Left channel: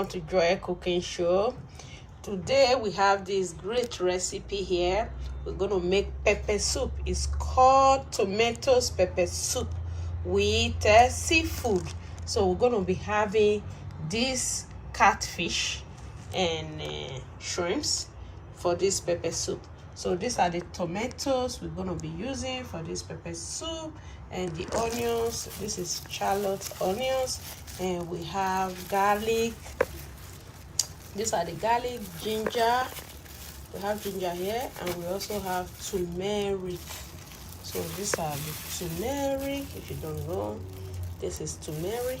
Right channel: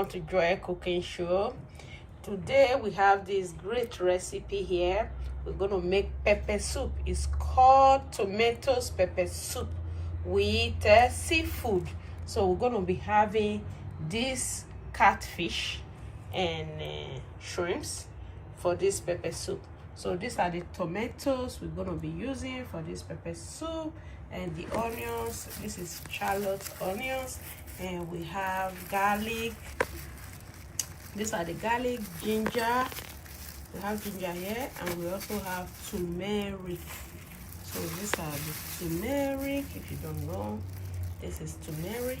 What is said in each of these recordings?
welcome to Joy Cooking Show. Today we have this great recipe here. We're going to make pepper soup. It's called tomato pepper soup with seafood. So we're going to be having this catfish and shrimps for this pepper soup. So these are the tomatoes we're going to be using for this pepper soup, and the onions. This is shallot onions, and we have garlic. These are the garlic, ginger. We have ginger here, and we also have turmeric. So these are the turmeric. If you don't know, this is turmeric,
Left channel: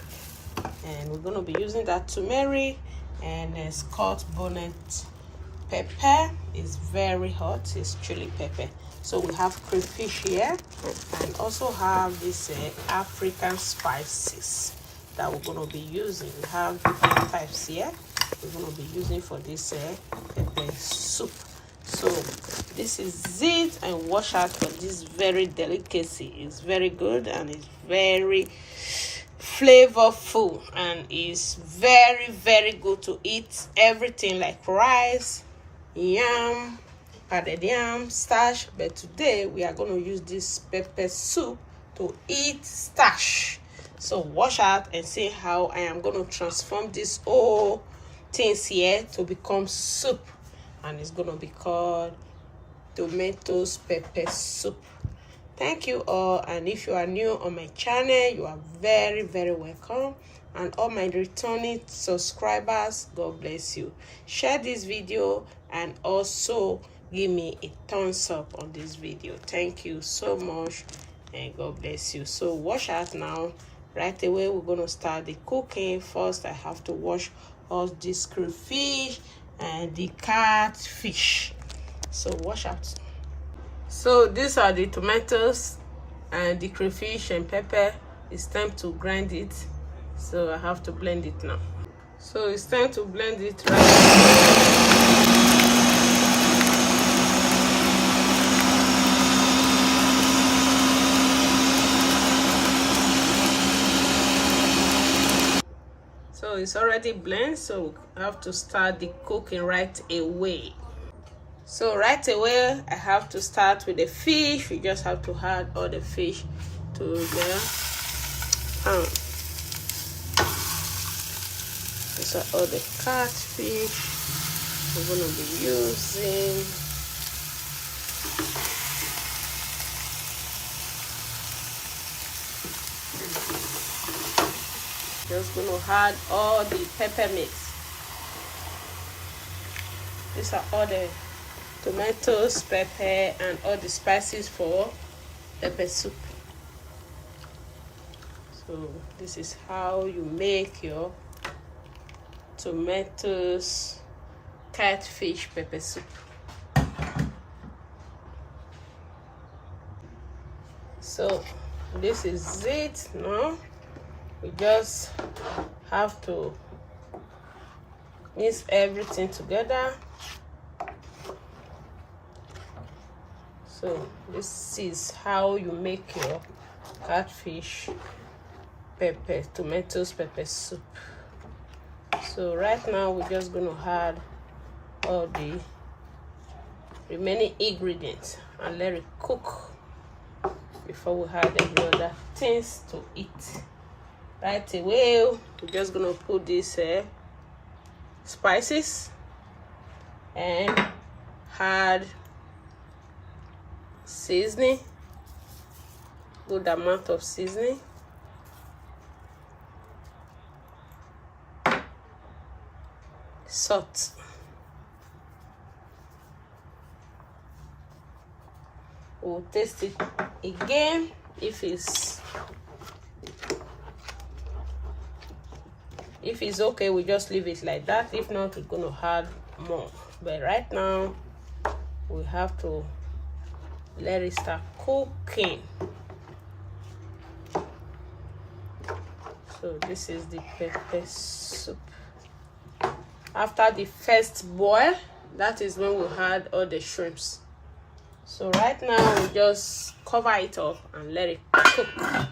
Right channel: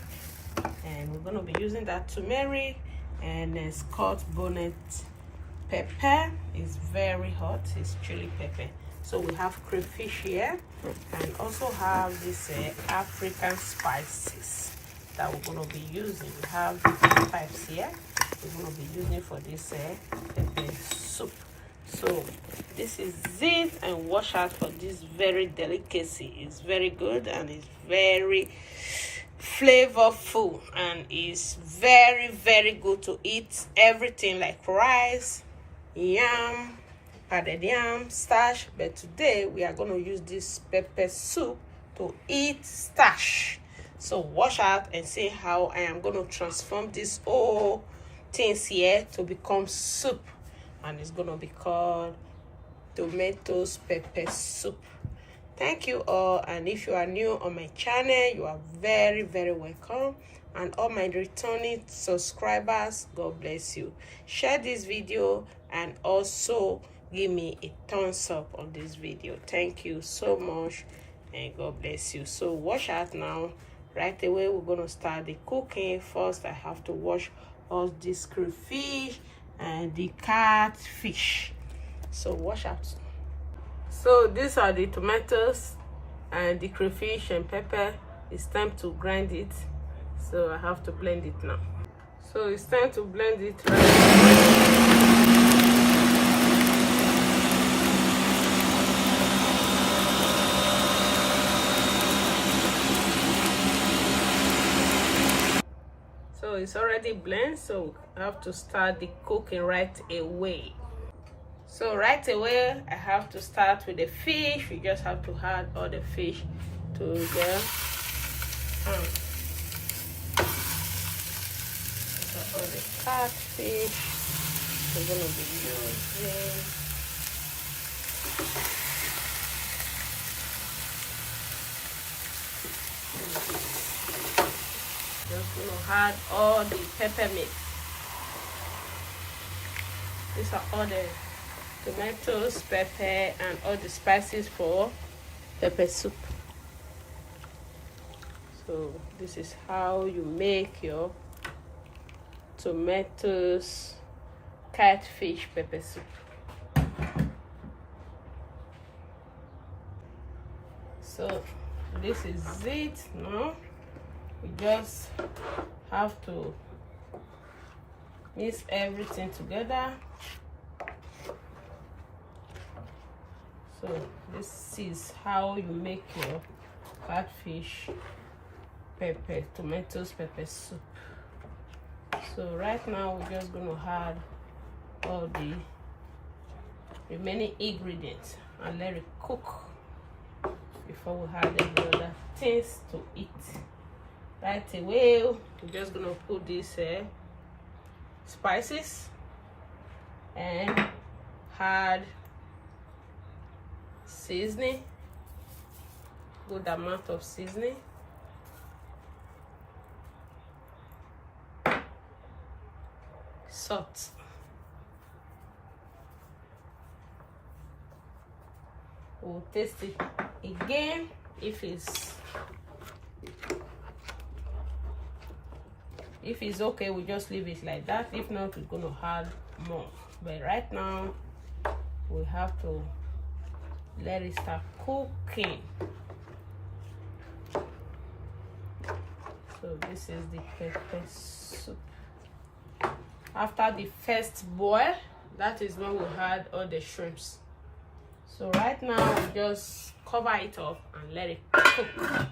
and we're going to be using that turmeric. And Scotch bonnet pepper is very hot. It's chili pepper. So we have crayfish here, and also have this African spices that we're going to be using. We have different types here we're going to be using for this pepper soup. So this is it, and watch out for this very delicacy. It's very good, and it's very flavorful, and it's very good to eat everything like rice, yam, added yam, starch. But today we are going to use this pepper soup to eat starch. So watch out and see how I am going to transform this whole things here to become soup, and it's going to be called tomato pepper soup. Thank you all, and if you are new on my channel, you are very welcome. And all my returning subscribers, God bless you. Share this video and also give me a thumbs up on this video. Thank you so much, and God bless you. So watch out now. Right away we're going to start the cooking. First I have to wash all this crayfish and the catfish. So watch out. So these are the tomatoes and the crayfish and pepper. It's time to grind it. So I have to blend it now. So it's time to blend it right. So it's already blended, so I have to start the cooking right away. So right away I have to start with the fish. We just have to add all the fish to the these are all the catfish we're going to be using. Just going to add all the pepper mix. These are all the tomatoes, pepper, and all the spices for pepper soup. So this is how you make your tomatoes catfish pepper soup. So this is it now. We just have to mix everything together. So this is how you make your catfish tomatoes pepper soup. So right now we're just going to add all the remaining ingredients and let it cook before we add any other things to eat. Right away we're just going to put these spices and add seasoning, good amount of seasoning, salt, we'll taste it again. If it's okay, we just leave it like that. If not, we're going to add more. But right now we have to let it start cooking. So this is the pepper soup. After the first boil, that is when we add all the shrimps. So right now we just cover it up and let it cook.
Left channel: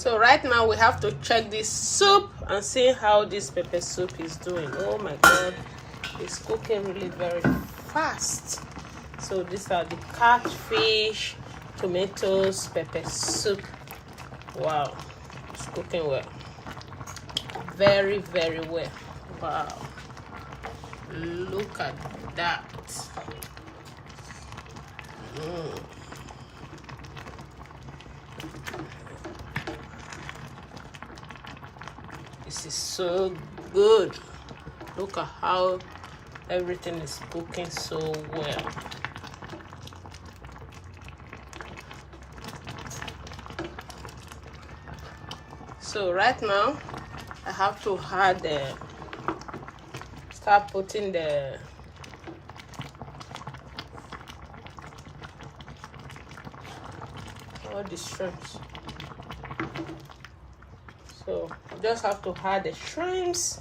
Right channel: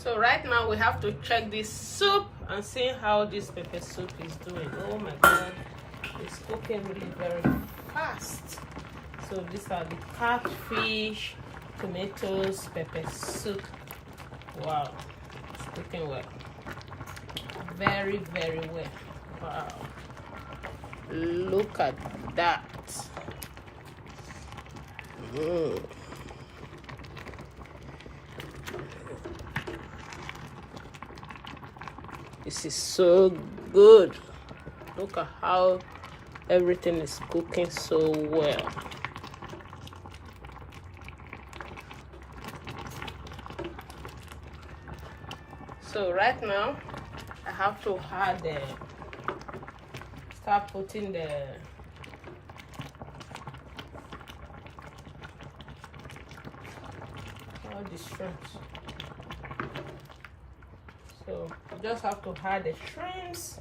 So right now we have to check this soup and see how this pepper soup is doing. Oh my god, it's cooking really very fast. So these are the catfish, tomatoes, pepper soup. Wow, it's cooking well. Very, very well. Wow. Look at that. This is so good. Look at how everything is cooking so well. So right now I have to add start putting all the shrimps. So I just have to add the shrimps.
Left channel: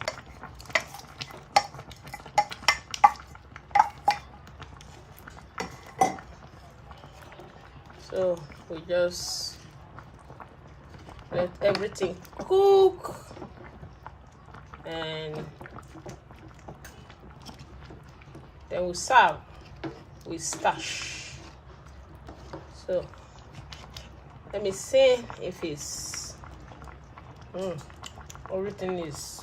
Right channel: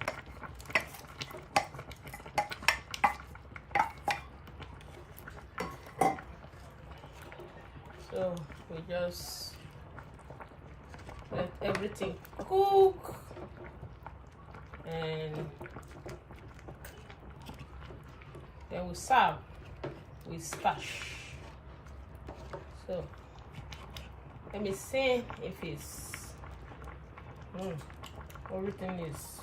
So we just let everything cook, and then we serve with stash. So let me see if it's everything is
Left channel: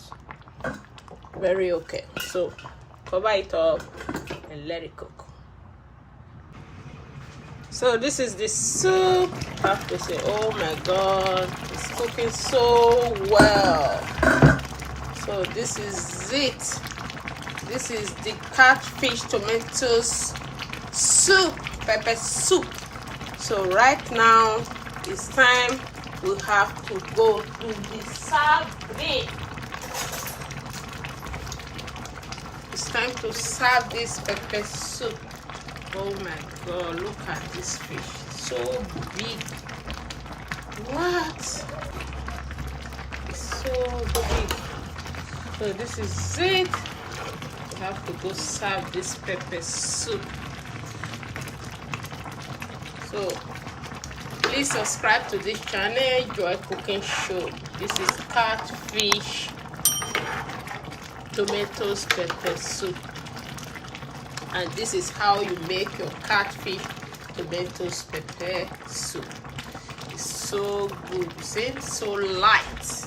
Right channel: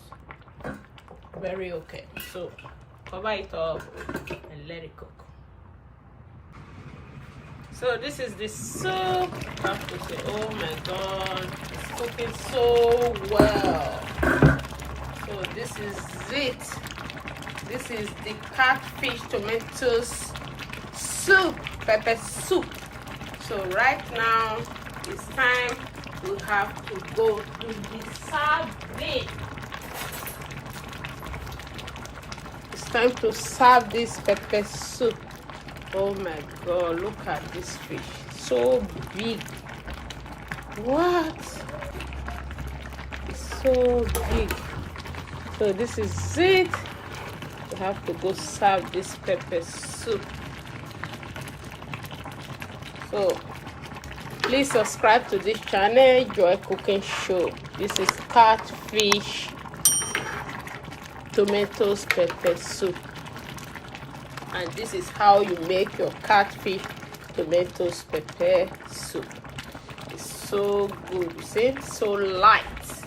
very okay. So cover it up and let it cook. So this is the soup. I have to say, oh my god, it's cooking so well. So this is it. This is the catfish tomatoes soup, pepper soup. So right now it's time we have to go to the serving. It's time to serve this pepper soup. Oh my god, look at this fish, so big. What? It's so big. So this is it. We have to go serve this pepper soup. So please subscribe to this channel, Joy Cooking Show. This is catfish tomatoes pepper soup. And this is how you make your catfish tomatoes pepper soup. It's so good. See, it's so light.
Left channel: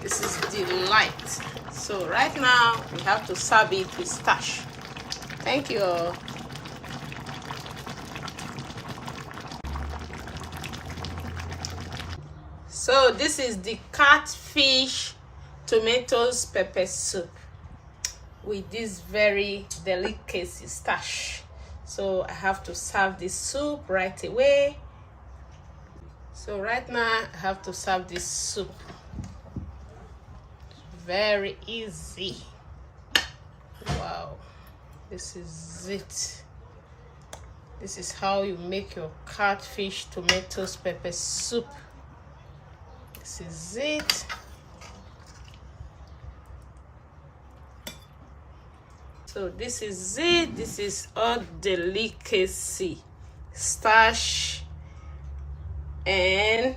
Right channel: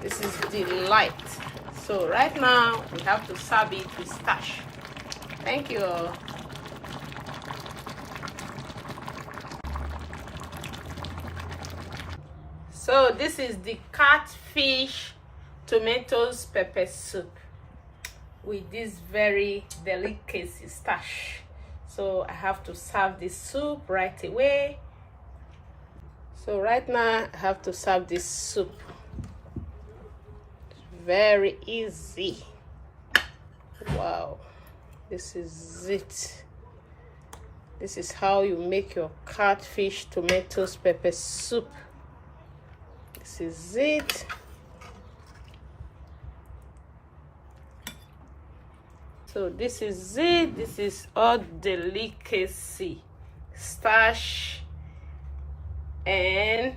This is delight. So right now we have to serve it with stash. Thank you all. So this is the catfish tomatoes pepper soup with this very delicacy stash. So I have to serve this soup right away. So right now I have to serve this soup. It's very easy. Wow, this is it. This is how you make your catfish tomatoes pepper soup. This is it. So this is it. This is all delicacy, stash and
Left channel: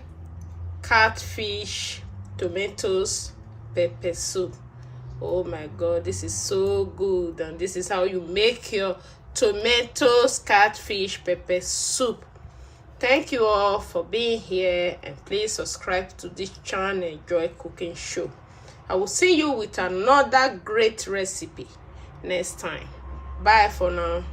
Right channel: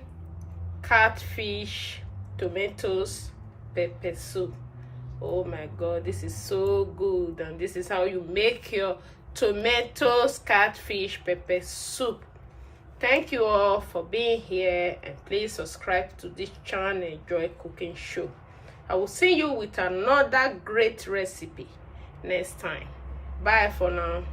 catfish tomatoes pepper soup. Oh my god, this is so good. And this is how you make your tomatoes catfish pepper soup. Thank you all for being here, and please subscribe to this channel, Joy Cooking Show. I will see you with another great recipe next time. Bye for now.